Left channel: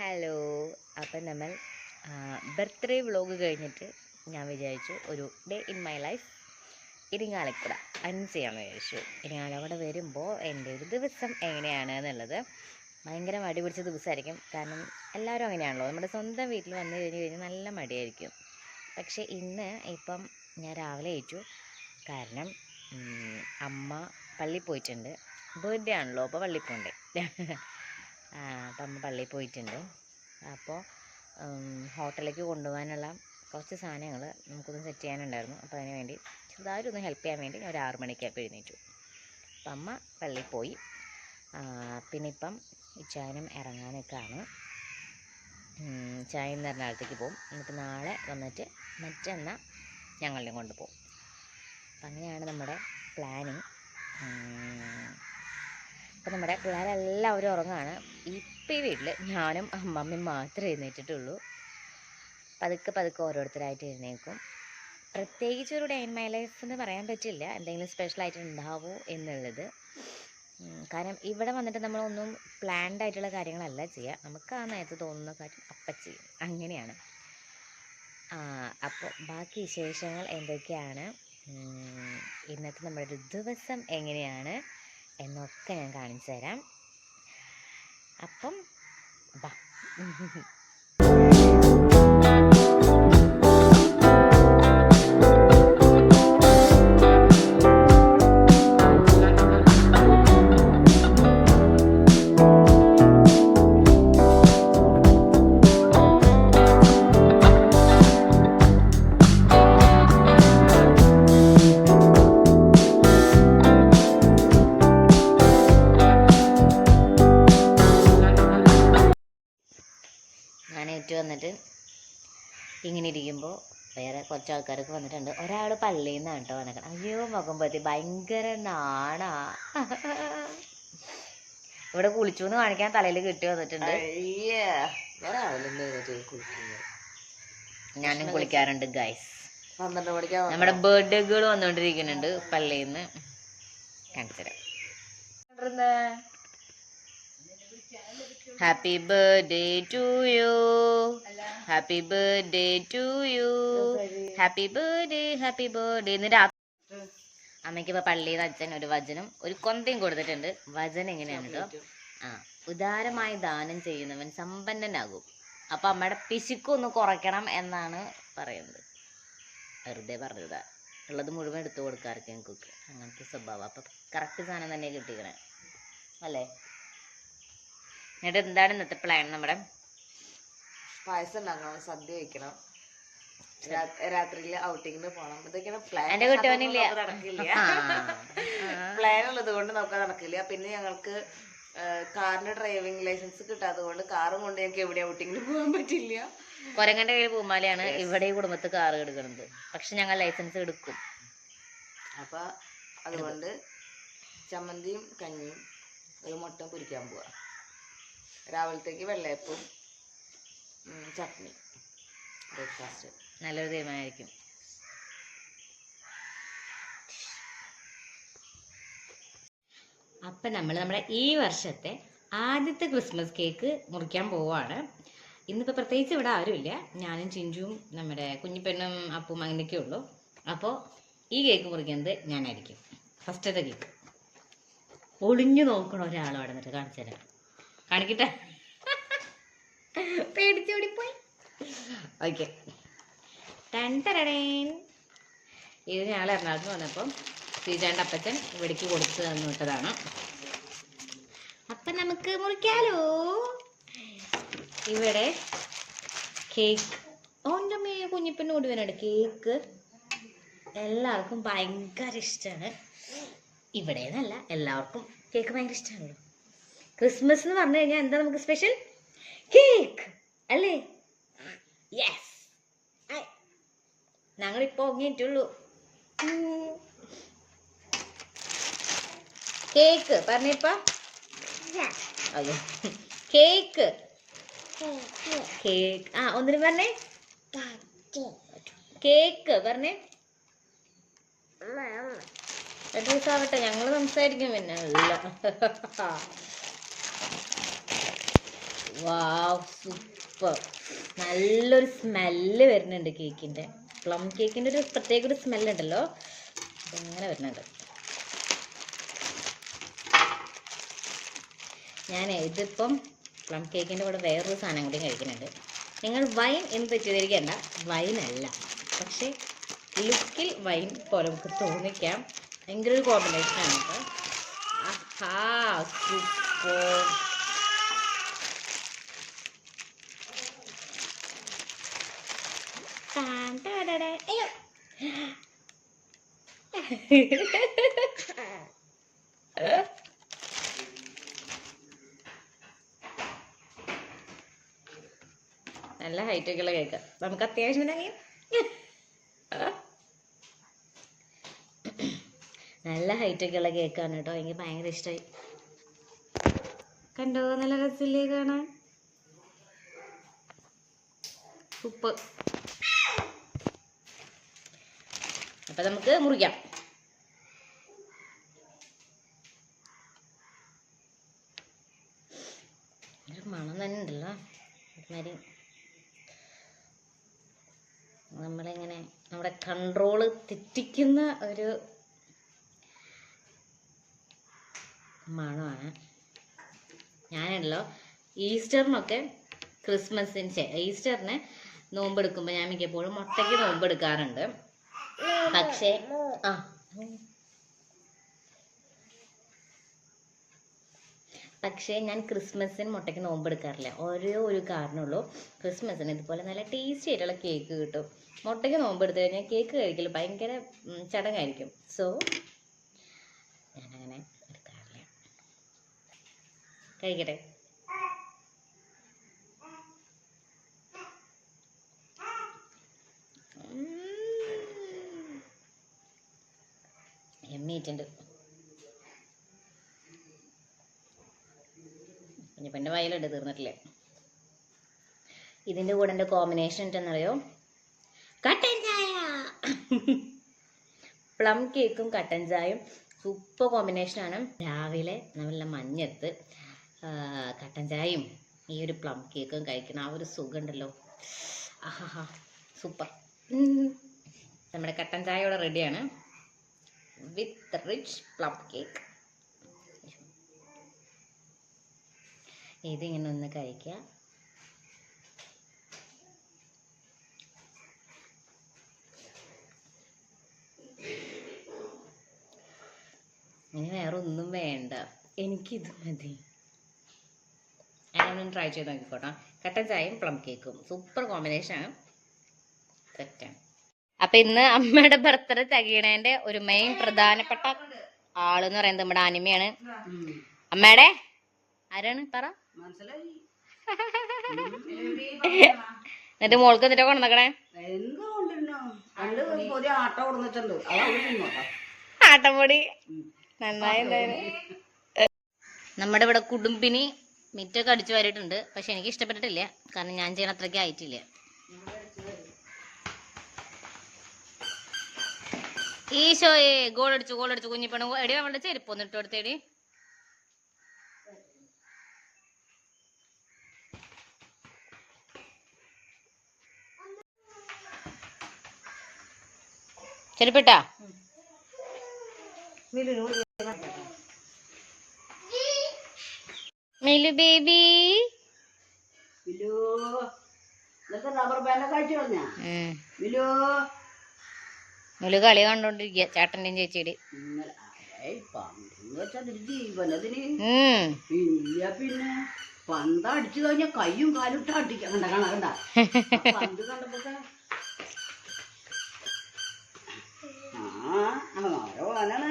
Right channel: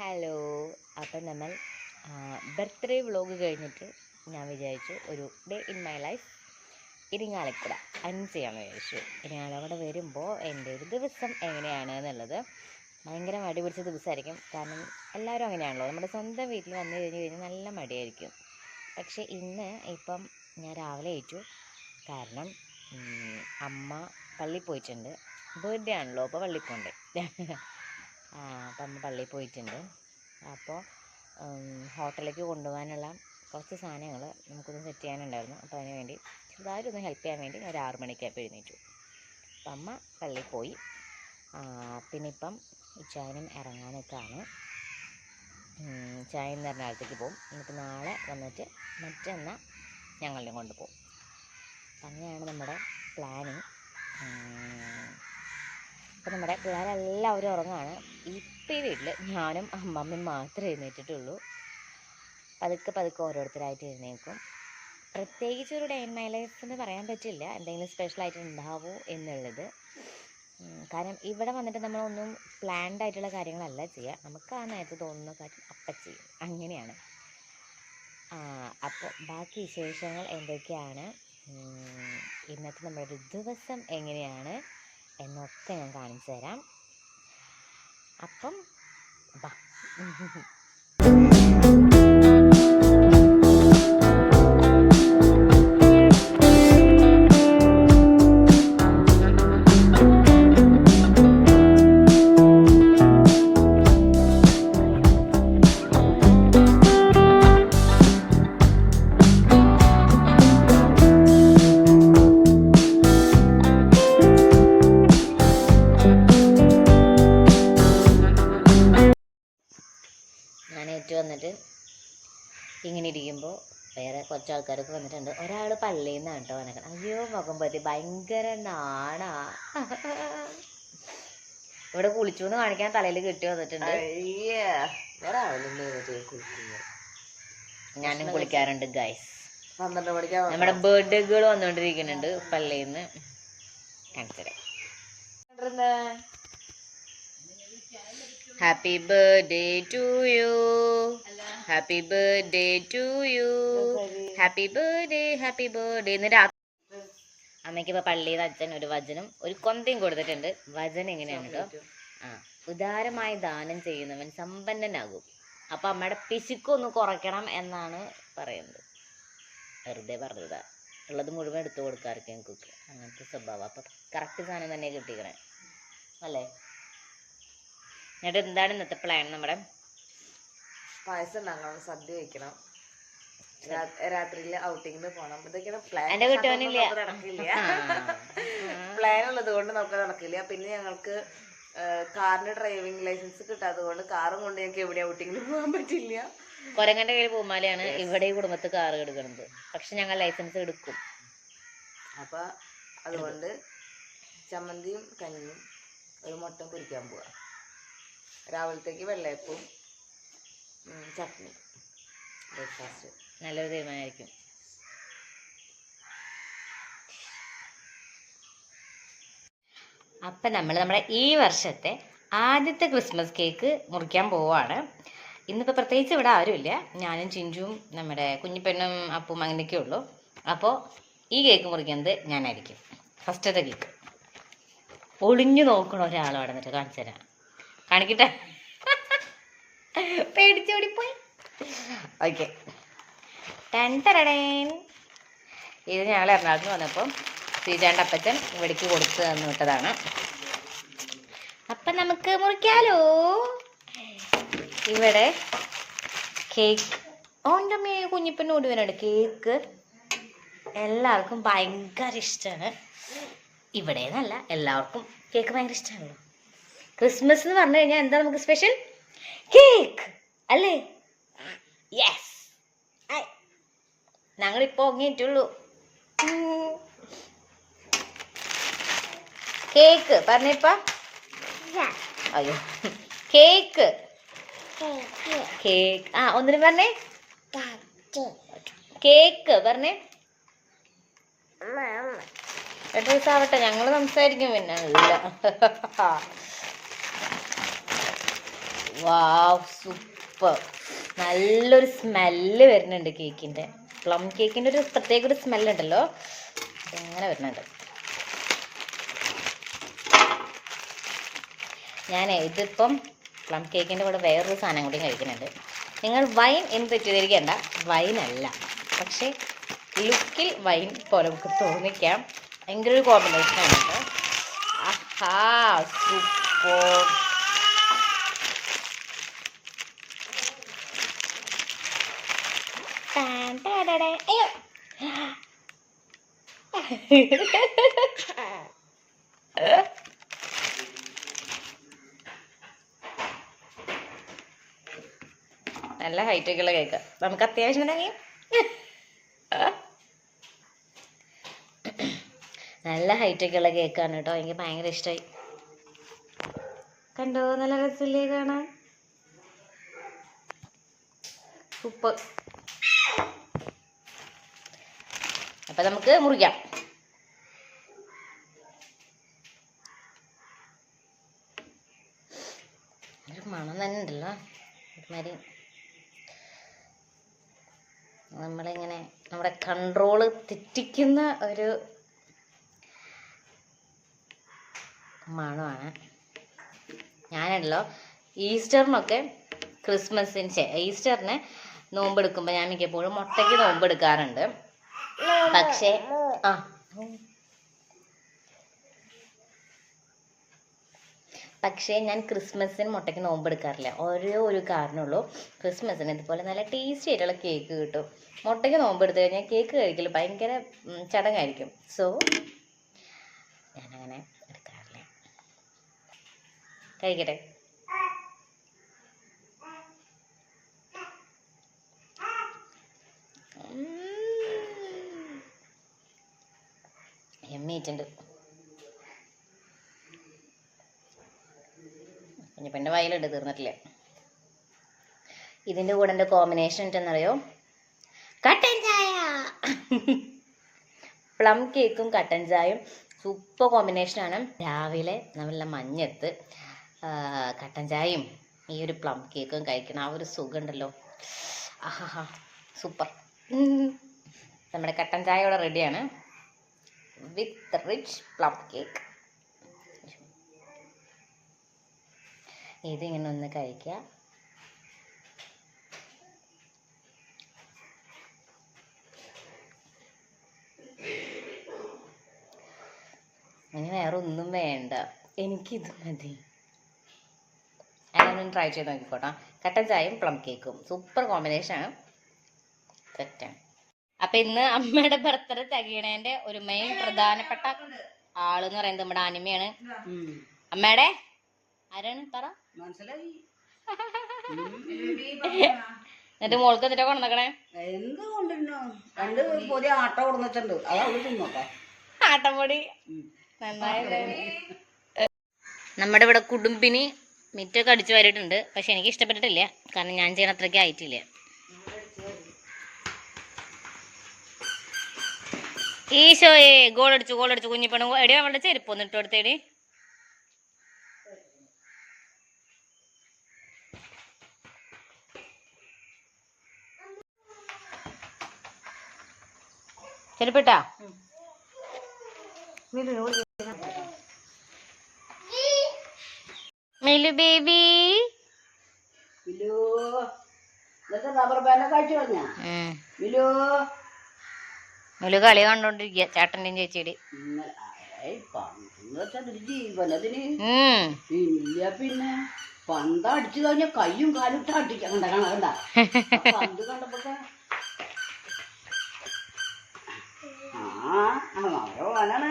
Hello. അപ്പം നമ്മൾ birthday vlog കഴിഞ്ഞിട്ട് ഞാൻ വിചാരിച്ചു ഒരു day in my life Irinjalakuda ചെയ്യാമെന്ന് വിചാരിച്ചു. ഇരിങ്ങാലക്കുട വരുമ്പോൾ എൻ്റെ ഒരു ദിവസം എങ്ങനെയാണ് എന്നുള്ളത് ഭയങ്കര മടി പിടിച്ച ദിവസമായിരിക്കും. കാരണം എല്ലാവരും അങ്ങനെയാണല്ലോ, നമ്മുടെ സ്വന്തം വീട്ടിൽ വന്നു കഴിഞ്ഞാൽ നല്ല മടിയായിരിക്കും. പക്ഷേ ഇപ്പം ഞാൻ രാവിലെ കഴിച്ചു. കാരണം അമ്മ പള്ളിയിൽ പോയിട്ടുണ്ട്. ബർത്ത്ഡേ ആണല്ലോ, അപ്പോൾ പള്ളിയിൽ പോകണ്ടേ. അപ്പം അമ്മ പള്ളിയിൽ പോയിട്ടുണ്ട്. അപ്പോൾ ഹോട്ടലിലേക്ക് കൊണ്ടുപോകാനുള്ള കുറച്ച് സാധനങ്ങൾ നമുക്കൊന്ന് സെറ്റ് ചെയ്യാനുണ്ടായിരുന്നു. അപ്പോൾ അതിന് വേണ്ടി ചെറുതായിട്ടൊന്ന് ഹെൽപ്പ് ചെയ്യാൻ വേണ്ടി ഞാൻ ഒരു 6 മണിക്കായപ്പോൾ എഴുന്നേറ്റു. അപ്പം അമ്മ പള്ളിയിൽ പോയി. പിന്നെ ഇപ്പം ചായനും ഇറങ്ങാനൊക്കെയാണ്. ചായ എന്ന് പറഞ്ഞ അടുത്തേക്ക് പോകും. എന്നിട്ട് നാളെ വന്നിട്ട് മറ്റന്നാൾ ഞങ്ങളുടെയും കൊണ്ടുപോകും. അപ്പം അങ്ങനെയാണ് നമ്മുടെ പ്ലാനിങ്. അപ്പം നമ്മുടെ പിള്ളേരെല്ലാവരും ഉറങ്ങുകയാണ്. ഇപ്പം ഈ വീട്ടിൽ ഞാനും അമ്മമ്മയും മാത്രമേ എഴുന്നേറ്റിട്ടുള്ളൂ. പതുക്കെ ഓരോരുത്തരായിട്ട് എഴുന്നേൽക്കും. പ്രത്യേകിച്ച് ഒരു ഡേ ഇൻ മൈ ലൈഫ് എന്ന് പറയാൻ പറ്റില്ല, എന്തെങ്കിലും സ്പെഷ്യലായിട്ട് ഉണ്ടാവുമോ എന്നുള്ളത്. കാരണം ഇവിടെ വന്നിട്ട് നമ്മളൊന്നും പ്ലാൻഡ് ആയിട്ടുള്ള കാര്യങ്ങളല്ല ചെയ്യുക. നമുക്ക് ആ നേരത്ത് തോന്നുന്ന കാര്യം അപ്പം ചെയ്യും, അങ്ങനെയാണ്. അപ്പോൾ ബാക്കി വിശേഷങ്ങൾ എന്തൊക്കെയാണ്, ഇന്നത്തെ നമ്മുടെ ഒരു ദിവസം എങ്ങനെയാണ് എന്നൊക്കെ ഞാൻ കാണിച്ചു തരാം. അപ്പം വാ. വന്നിട്ട് ഇങ്ങനെ ഇരിക്കുമ്പോൾ വേറെ കുറച്ച് ആൾക്കാരൊക്കെ വന്നിട്ടുണ്ട്. ഒരാൾ പള്ളിയിൽ നിന്നാണ് കേട്ടോ വന്നിട്ട്. അയ്യോ മുഖം പറ്റി ഭയങ്കര നാണാ. ഇവിടെ കുളിച്ചു എന്ന് കാണിക്കാൻ തലയിൽ കെട്ടി വന്നിട്ടുണ്ട്. ഞാനും കുളിക്കാറുണ്ട് ഗൈസ്. 12 മണിക്ക് നമ്മുടെ ബർത്ത്ഡേകൾ വന്നുകൊണ്ടിരിക്കുന്നുണ്ട് പള്ളിയിൽ നിന്ന്. കാണിച്ചുതരാം. Happy birthday to you, happy birthday to you, happy birthday, happy birthday. ഇന്ന് രാത്രി അമ്മയ്ക്ക് ഇപ്പോൾ പള്ളിയിൽ നിന്ന് അച്ഛൻ ഒരു വചനം, ഒരു കൊന്തയും കൊടുത്തിട്ടുണ്ട്. വചനം എങ്ങനെയാണ് കേട്ടോ, ഉദാരമായി ദാനം ചെയ്യുന്നവൻ സമ്പന്നനാകും. അപ്പം അമ്മയുടെ പിശുക്കൊന്ന് കുറയ്ക്കണം എന്നാണ് പറയുന്നത്. വെറുതെ പറഞ്ഞതാ, ഉള്ളത് മുഴുവൻ എടുത്തു കൊടുക്കാറൊക്കെ ഞങ്ങൾക്കൊക്കെ അങ്ങനത്തെ സ്വഭാവം. അപ്പം കറക്റ്റ് സാധനം തന്നെ കിട്ടിക്കണേ അല്ലേ. എന്നിട്ട് എന്താണ് ഇന്നത്തെ പ്ലാൻ? നമ്മുടെ പായസം ഉണ്ടാക്കണം, സദ്യ വയ്ക്കണം, രാത്രിയിൽ ഔട്ടിങ്ങിന് പോകണം. ഇതൊക്കെയാണ് പ്ലാൻ. നടക്കില്ല. പ്ലാൻ ഉള്ളത് കൊണ്ട് നമുക്ക് നടക്കില്ല. പിന്നെ ഞങ്ങൾക്ക് കാറിന്റെ ഡ്രൈവിംഗ് ലൈസൻസ് കിട്ടാത്തത് കൊണ്ട് കാറും കൊണ്ട് ഞങ്ങൾക്ക് എവിടെ ഔട്ടിങ്ങിന് പോകാൻ പറ്റില്ല. കൊരങ്ങന്റെ കയ്യിൽ പൂമാലയാണ് ഇവിടെ ഈ കുടുംബത്ത് കാറ് എടുക്കുന്നത്. പക്ഷെ ഞങ്ങൾ ലൈസൻസ് എടുക്കും. അപ്പൊ അതുകൊണ്ട് ചമ്മന്തിയും കഞ്ഞിയും ഒരു മുട്ട പൊരിക്കാൻ പോവാ. രാവിലത്തേക്ക് വെള്ളയപ്പവും ചട്നി ബ്രേക്ക്ഫാസ്റ്റ്. നല്ലൊരു തീരുമാനമായിരിക്കും. അപ്പം നമ്മുടെ ഈ വർഷത്തെ ആദ്യത്തെ ക്രിസ്മസ് കേക്ക് മുറിക്കാൻ പോവാണ്. ഇന്നിപ്പോൾ പ്രത്യേകിച്ച് ഇവിടെ ആരുമില്ല, ഞാനും ചിഞ്ചുവും നമ്മുടെ കുഞ്ഞിപ്പെണ്ണും അപ്പവും അങ്ങനെയൊക്കെ ഉള്ളൂ. അപ്പോൾ ഈ കേക്ക് മുറിക്കുന്നത് ഞാനായിരിക്കും. ഫസ്റ്റത്തെ കേക്ക്. ഒളിഞ്ഞു നോക്കണ ഒരാളവിടെ നിന്നിട്ട് കാണിച്ചു തരാം. കാണിക്കട്ടെ, പേടിച്ചോടിപ്പോയി. ഓക്കെ. ഇത് ഞങ്ങൾ എറണാകുളത്ത് വന്നപ്പം ശ്രീജാൻ്റെ അപ്പച്ചൻ ഇവിടേക്ക് കൊടുത്ത് തന്നു വിട്ടതാണ്. അപ്പം നമുക്ക് മുറിക്കാലോ. ഇവിടെ കേക്ക് ഓൻ്റെ മീൻ കുഞ്ഞിപ്പൻ്റെ ഒടുവനുണ്ട്. കേക്ക് എല്ലാവർക്കും ഭയങ്കര ഇഷ്ടമാണ്. ഇവിടെ നിന്നല്ല, എല്ലാവർക്കും കേക്ക് ഭയങ്കര ഇഷ്ടമാണല്ലോ. ക്രിസ്മസ് എന്ന് പറഞ്ഞു കഴിഞ്ഞാൽ എന്താ നമുക്ക് സ്പെഷ്യൽ? കേക്ക് അല്ലേ? യെസ്. ഞങ്ങളിപ്പോൾ ഒങ്ങിയിട്ടുള്ളൂ. കേക്ക് പറഞ്ഞിപ്പ. അയ്യോ, കേക്ക് കേക്ക്. ഒന്നിനും പറഞ്ഞേ കേക്ക് പറഞ്ഞേ. 2 വയസ്സാവട്ടെ, ഞങ്ങൾ സംസാരിക്കും. പിന്നെ ഇല്ല. വാവ്, സൂപ്പർ. നല്ലൊരു സ്മെല്ല് വരുന്നുണ്ട് കേക്കിൻ്റെ. പ്ലം കേക്കിൻ്റെ ഒരു പ്രത്യേക ഒരു സ്മെല്ലുണ്ടല്ലോ, ഇങ്ങനെ വരുന്നുണ്ട്. ഞാൻ ഇതിപ്പം പ്ലം കേക്കിൻ്റെ കൂടെ വേറൊരു സാധനം കൂടി കഴിക്കുന്നുണ്ട്. നിങ്ങൾ വൈൻ എന്ന് തെറ്റിദ്ധരിക്കേണ്ട, വൈനല്ല, പക്ഷേ ലുക്കിൽ വൈൻ പോലെ നമുക്ക് തോന്നിക്കാം. ഭയങ്കര ഒരു കോമ്പിനേഷനാണ് കേട്ടോ. ആഹാ, സൂപ്പർ. അയ്യോ, നല്ല ഹൈറ്റൊക്കെയുള്ള കേക്ക്. നമുക്ക് അത്യാവശ്യം തന്നെ നല്ല ഹൈറ്റൊക്കെയുള്ള കേക്കാണ് കേട്ടോ. എനിക്ക് ഭയങ്കര ഇഷ്ടമായി. കണ്ടോ, നല്ല രസമില്ലേ കാണാൻ? സൂപ്പർ. അപ്പം നമുക്ക് മുറിക്കാം. മണം തന്നെ ഉണ്ടല്ലോ ഒരുമാതിരി. നമ്മളിങ്ങനെ നമ്മുടെ കൺട്രോള് തെറ്റിക്കുന്ന ഒരു മണമാണ്. ഞാനല്ലോ ഈസ്റ്ററിനൊക്കെ ഈസ്റ്ററിന് നോമ്പെടുക്കുമ്പോൾ ഞാൻ മിക്കപ്പോഴും മുട്ടയ്ക്ക് നോമ്പെടുക്കാറുണ്ട്. പക്ഷേ ഞാൻ ക്രിസ്മസിന് മുട്ടയ്ക്ക് നോമ്പെടുക്കാറില്ല. ഒരേ ഒരു കാരണമുള്ളൂ, ക്രിസ്മസിന് ഇതുപോലെ നല്ല ടേസ്റ്റി ആയിട്ടുള്ള കേക്ക് കിട്ടും. മുട്ടയ്ക്ക് നോമ്പെടുത്ത് കഴിഞ്ഞാൽ കേക്ക് കഴിക്കൽ ഭയങ്കര ചടങ്ങായിരിക്കും. സോ ഞാനങ്ങനെ എടുക്കാറില്ല. കഴിക്കട്ടെ. എമ്മീറ്റുണ്ട്. ഇനിയിപ്പോൾ എൻ്റെ വയലുണ്ട്, തീർന്നിട്ടില്ലേ. ഇതിൻ്റെ കൂടെ എൻ്റെ കോമ്പിനേഷൻ എന്താണെന്നറിയോ? കട്ടൻ ചായ. പ്ലം കേക്കും കട്ടൻ ചായയും സൂപ്പർ കോമ്പിനേഷനാണ്. രാവിലെ നല്ല മഞ്ഞത്ത് കട്ടൻ ചായയും ഈ ഒരു പ്ലം കേക്കും കഴിക്കണം. ആ ഒരു സുഖം ഉണ്ടല്ലോ, ആഹാ, സൂപ്പർ. നമ്മുടെ കട്ടൻ ചായ ഇവിടെ റെഡിയാണ് വിത്ത് റിച്ച് പ്ലം കേക്ക്. ഇതിങ്ങനെ ഒന്ന് കഴിക്കുക. ഇനി വേറെ ഒന്നും വേണ്ട, എനിക്കിത് മതി. ഞാനൊന്നും ട്രൈ ചെയ്ത് നോക്കിക്കോട്ടെ. കട്ടൻ ചായയും പ്ലം കേക്കും സൂപ്പർ കോമ്പിനേഷനാണ്, സെറ്റാണ്. അപ്പം ഇന്ന് അമ്മയുടെ ബർത്ത്ഡേ തികയണേൻ്റെ ഒരു മെയിൻ പ്രധാനപ്പെട്ട ആളെന്ന് പറയുന്നത് നമ്മുടെ അനിമയാണ്. അമ്മയുടെ ആരാണ് പറ? എന്നിട്ട് മോൾക്ക് എന്നിട്ട് കൊണ്ടുവന്നേക്കണേ ആട്ടപ്പൊടി. നന്നായി. നമ്മുടെ ഇവിടെ കുടുംബിനി മിറ്റൊക്കെ അടിച്ചു വാരിയിട്ടുണ്ട്. പക്ഷെ എനിക്ക് ഇഷ്ടപ്പെട്ടിട്ടില്ല, കാരണം ഞാൻ ചെയ്യണ അത്രയ്ക്ക് ആയിട്ടില്ല. ഈശോയെ, ഗോളടിച്ചു കുഞ്ഞിപ്പണ. എടി അവളുടെ ചെരുപ്പൊന്ന് ഇട്ട് കൊടുത്തേടി. ചെരുപ്പിട്ടാ? മിലു ബേബി, മിലു കളി കണ്ടോണ്ടിരിക്കുക ചേട്ടൻ്റെയും ചേച്ചിയുടെ. പിന്നെ പന്ത അടിച്ചു കഴിഞ്ഞ കയ്യും കാലും ഇട്ട് അടിക്കാൻ കണ്ട പന്ത് കണ്ടപ്പോ അവരോടാനാണ്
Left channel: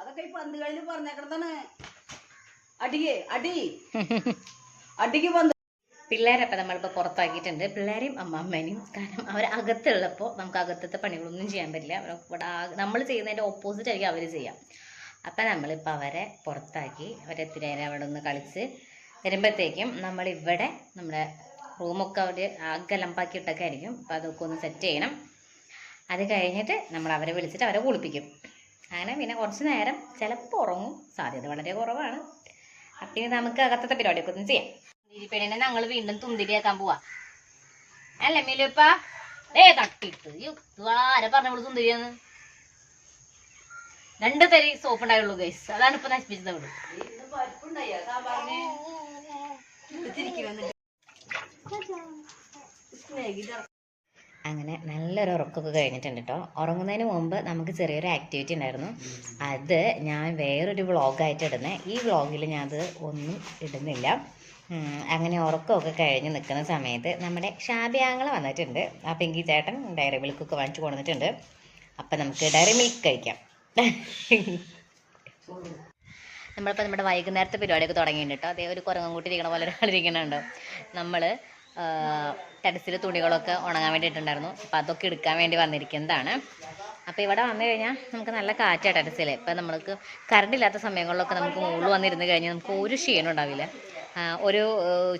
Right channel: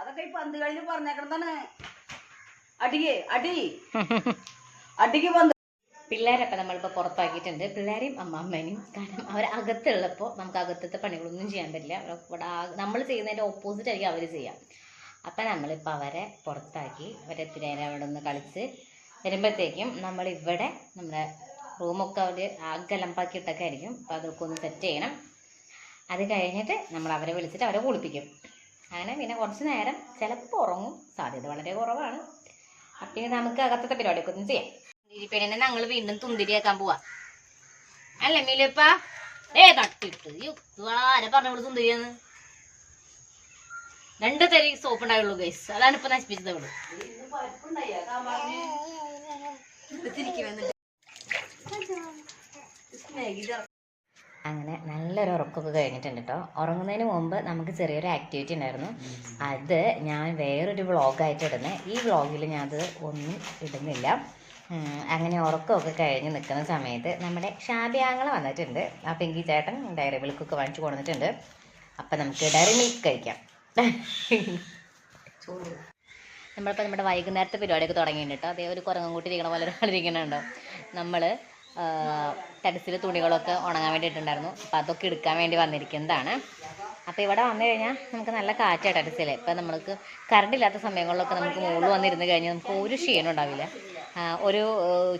അതൊക്കെ ഈ പന്ത് കളിയിൽ പറഞ്ഞേക്കണതാണ്. അടിക്ക് പന്ത്. പിള്ളേരപ്പം നമ്മളിപ്പോൾ പുറത്താക്കിയിട്ടുണ്ട്, പിള്ളേരെയും അമ്മമ്മേനെയും. കാരണം അവർ അകത്തുള്ളപ്പോൾ നമുക്ക് അകത്തത്തെ പണികളൊന്നും ചെയ്യാൻ പറ്റില്ല. ഇവിടെ നമ്മൾ ചെയ്യുന്നതിൻ്റെ ഓപ്പോസിറ്റ് ആയിരിക്കും അവർ ചെയ്യാം. അപ്പം നമ്മളിപ്പോൾ അവരെ പുറത്താക്കി, അവരെ എത്തിരി നേരം അവിടെ ഒന്ന് കളിച്ച് വരുമ്പോഴത്തേക്കും നമ്മളിവിടെ നമ്മുടെ റൂമൊക്കെ അവർ അകലമ്പാക്കിയിട്ടൊക്കെ ആയിരിക്കും. അപ്പോൾ അതൊക്കെ ഒന്ന് സെറ്റ് ചെയ്യണം. അത് കഴിഞ്ഞിട്ട് നമ്മൾ അവരെ വിളിച്ചിട്ട് അവരെ കുളിപ്പിക്കും. അങ്ങനെ പിന്നെ കുറച്ച് നേരം ചിലപ്പോൾ ഉറങ്ങും, സാധ്യത വളരെ കുറവാണ്. അപ്പം ഇനി നമുക്ക് അകത്തത്തെ പരിപാടിയൊക്കെ ഒന്ന് ചെയ്യാം. പെണ്ണിനെ ഞങ്ങൾ വീണ്ടും തുന്തിരിയാക്കാൻ പോവാ അല്ലേ മീലപ്പ? തട്ടിട്ട് ആരെ പറഞ്ഞ സുന്ദരിയാന്ന്? 2 തരി സോപ്പ് ഉണ്ടായുള്ളൂ ഗൈസ്, അതാണ് ഇപ്പൊ നശിപ്പിച്ചത് അവള്. അങ്ങനെ നല്ലൊരു ഉറക്കമൊക്കെ കഴിഞ്ഞിട്ടുണ്ട് കേട്ടോ. ഉറങ്ങുന്നതിന് മുമ്പ് നമുക്ക് ചെറിയൊരു ആക്ടിവിറ്റി ഉണ്ടായിരുന്നു. അത് ഞാൻ വേറൊരു വ്ളോഗായിട്ട് ഇടുന്നത്. ഈ വ്ളോഗിൽ ഞാൻ അത് ഒന്നും ഇടുന്നില്ല. അങ്ങനെ ഉറക്കമൊക്കെ കഴിഞ്ഞ് നിൽക്കുന്ന സമയത്ത് നമ്മുടെ ഷാബിയാങ്ങൾ വന്നിട്ടുണ്ട്. ആ പിങ്കി ചേട്ടൻ ഡയറി മിൽക്കൊക്കെ വാങ്ങിച്ചു കൊണ്ടുവന്നിട്ടുണ്ട്. അപ്പം നമുക്ക് ഡയറി മിൽക്ക് കഴിക്കാം. നമ്മളിപ്പോൾ നമ്മുടെ വൈകുന്നേരത്തെ പരിപാടിയൊക്കെ തുടങ്ങിയിട്ടുണ്ട് കേട്ടോ. അതേ ഒരു കുരങ്ങൻ കൂട്ടി ഇരിക്കണ പോലെ ഒരാളിരിക്കണുണ്ടോ. നമ്മൾ ടെറസിൽ തുണികളൊക്കെ ഉണങ്ങാൻ വേണ്ടിയിട്ടുണ്ടായിരുന്നു. അപ്പോൾ അതൊക്കെ എടുക്കാൻ വേണ്ടി വന്നിരിക്കുന്നതാണ്. അപ്പോൾ ഇവിടെ വന്നു കഴിഞ്ഞാൽ നമുക്ക് നല്ല കാറ്റാണ് ടെറസിൽ. ഇപ്പം നമ്മൾക്ക് കറണ്ടില്ലാത്ത സമയങ്ങളിലൊക്കെ നമുക്ക് മുകളിൽ വന്നിരുന്ന് കഴിഞ്ഞാൽ നമുക്ക് ഒരു ക്ഷീണം ഉണ്ടാവില്ല, ഒരു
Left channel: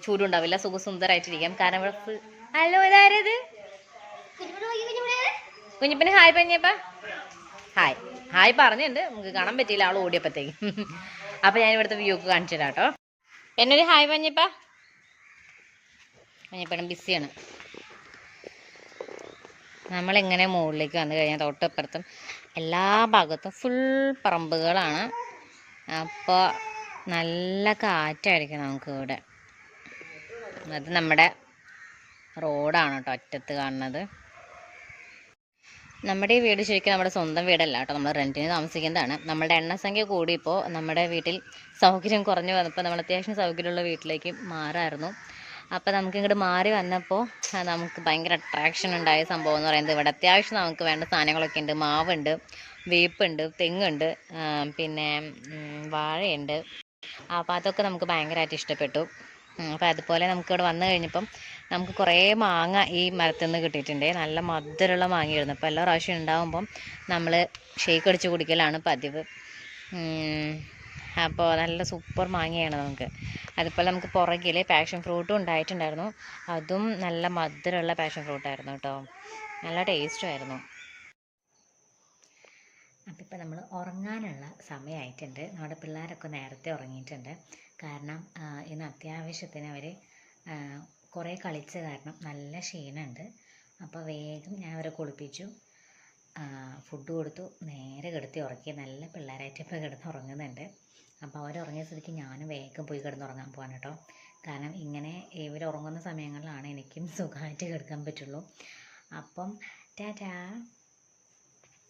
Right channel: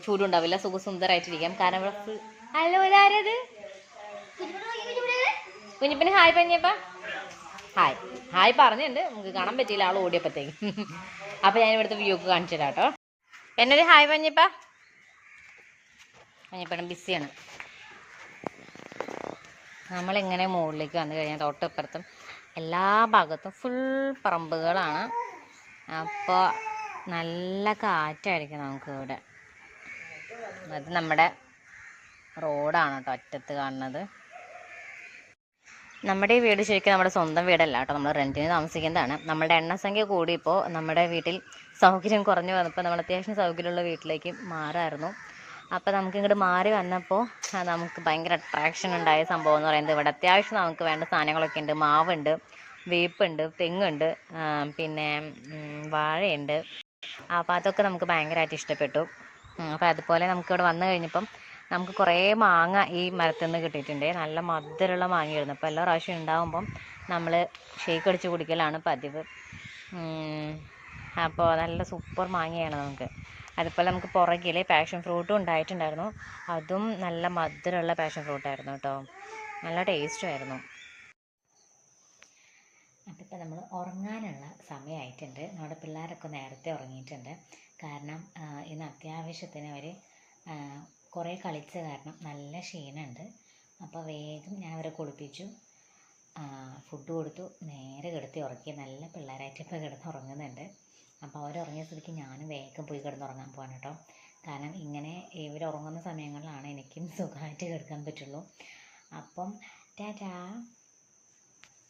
ചൂടുണ്ടാവില്ല, സുഖസുന്ദരമായിട്ടിരിക്കാം. കാരണം ഇവിടെ ഫുൾ ഹലോ ഇതാരത്? കുഞ്ഞിപ്പന് ഹായ് പഞ്ഞപ്പ. ഹായ് പറഞ്ഞിട്ടുണ്ട്, നമുക്ക് കാണാൻ പറ്റിയില്ല ആൾ ഓടിയപ്പോഴത്തേക്കും. അപ്പോൾ ഞാൻ ഇവിടുത്തെ വ്യൂ ഒക്കെ കാണിച്ചു തരാം കേട്ടോ. എന്നൊരു ഹായ് പഞ്ഞപ്പ. പഞ്ഞപ്പണം ബിസിയാണ്. നമ്മളിങ്ങനെ മുകളിലേക്ക് വന്നു കഴിഞ്ഞാൽ തൊട്ടപ്പുറത്തും എല്ലാ ഭാഗത്തും ഫുൾ പറമ്പുകളാണ്. അപ്പോൾ നല്ല കാറ്റായിരിക്കും നമുക്ക് ഇവിടെ. അത് നമ്മുടെ റോഡാണ് കേട്ടോ അറ്റത്ത് കാണുന്നത്. നമ്മുടെ ഈ വീട് ശരിക്കും നമ്മുടെ സ്വന്തം വീടല്ല കേട്ടോ, നമ്മൾ റെൻറ്റിന് താമസിക്കുന്നതാണ്. നമ്മുടെ എണ്ണസംഖ്യ കൂടിയപ്പോൾ നമ്മുടെ വീട്ടിൽ സൗകര്യം കുറഞ്ഞു വന്നപ്പോൾ നമ്മൾ അത്യാവശ്യം സൗകര്യമുള്ള വീട്ടിലേക്ക് മാറായിരുന്നു. അപ്പോൾ നമുക്ക് ഇങ്ങോട്ട് മാറി വന്നപ്പോൾ നമുക്ക് ഭയങ്കര അട്രാക്ഷൻ ഉണ്ടായ സംഭവം എന്ന് പറയുന്നത് ഇവിടെ അത്യാവശ്യം നമുക്ക് വേണ്ട സാധനങ്ങളൊക്കെ ഉണ്ട്. മാവുണ്ട്, വേപ്പുണ്ട്, തെങ്ങുണ്ട്, പിന്നെ വാഴയുണ്ട്. അപ്പോൾ അതൊക്കെ നമുക്ക് ഭയങ്കരമായിട്ട് ഇഷ്ടപ്പെട്ടു. അപ്പോൾ അതുപോലെ നമുക്കിവിടെ വന്നു കഴിഞ്ഞപ്പം നമുക്ക് കുറേ മാങ്ങ ഈ മരത്തിൽ നിന്ന് കിട്ടിയിട്ടുണ്ട്. നല്ല മധുരമുള്ള മാങ്ങയായിരുന്നു. അപ്പോൾ എല്ലാ പ്രാവശ്യം ഉണ്ടാകുമ്പം നമ്മൾ ഷേക്ക് അടിച്ച് കുടിക്കലാണ് പതിവ്. അപ്പോൾ നല്ല സൂപ്പർ മാങ്ങയാണ് നമുക്ക്. അതുപോലെ നമുക്ക് പുറകിൽ പാഷൻ ഫ്രൂട്ടും ഉണ്ടായിട്ടുണ്ടായിരുന്നു. അതും നല്ല മധുരമുള്ള പാഷൻ ഫ്രൂട്ടായിരുന്നു കേട്ടോ, നല്ല ടേസ്റ്റുമായിരുന്നു. അപ്പോൾ ഇപ്പോൾ നമ്മൾ ഉറങ്ങാനുള്ള സമയമായിട്ടുണ്ട്. നമ്മുടെ പിള്ളേരൊക്കെ നേരത്തെ ഉറങ്ങിയിട്ടുണ്ട്. കാരണം ഇന്ന് അത്യാവശ്യത്തിന് അവർ കുറേ കളിച്ച കാരണം നല്ല ക്ഷീണമുണ്ട്. അപ്പോൾ വേഗം ഞാൻ അവരെ കുളിപ്പിച്ചു, ഫുഡ് കൊടുത്തു, നേരെ കിടത്തി ഉറക്കി. നല്ല പിള്ളേരായിട്ട് ഇപ്പോൾ കിടന്ന് ഉറങ്ങുന്നുണ്ട്. അപ്പോൾ അവരുറങ്ങിയ സ്ഥിതിക്ക് ഞാനും വേഗം പോയി കിടന്നുറങ്ങാൻ പോകാൻ കേട്ടോ. കാരണം ഇങ്ങനെ ഇവരുറങ്ങുന്ന സമയങ്ങളിലാണ് എനിക്കും സുഖമായിട്ട് കിടക്കാൻ പറ്റുള്ളൂ. അപ്പം ടാറ്റാ.